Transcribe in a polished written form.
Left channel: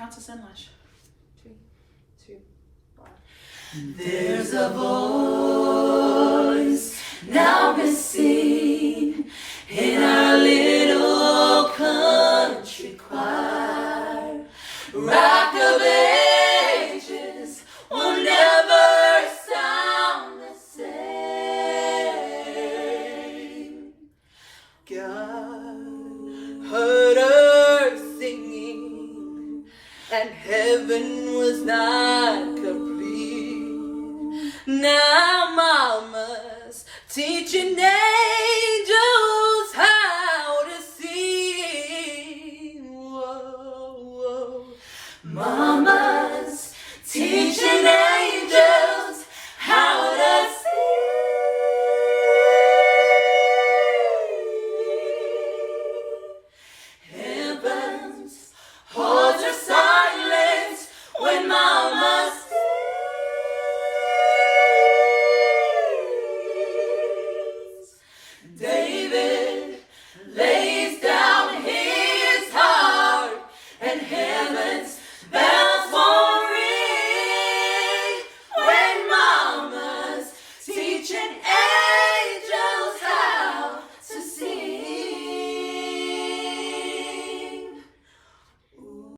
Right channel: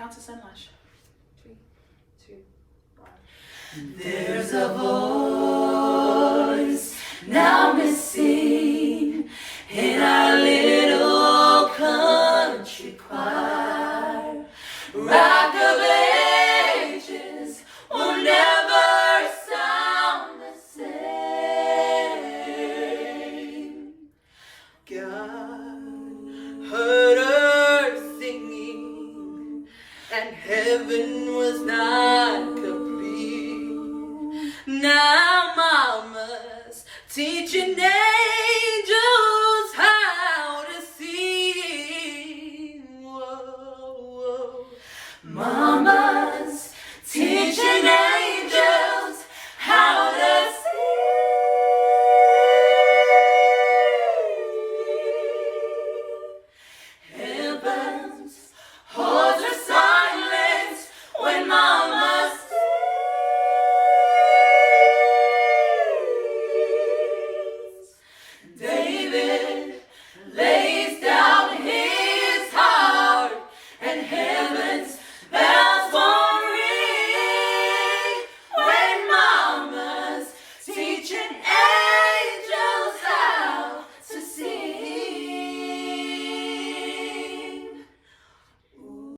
count us in, Lush. 3, 2, 1. There's a voice now missing in our little country choir. Rock of Ages will never sound the same. God heard her singing, and heaven was not complete. Now mama's teaching angels how to sing. Whoa, whoa. Mama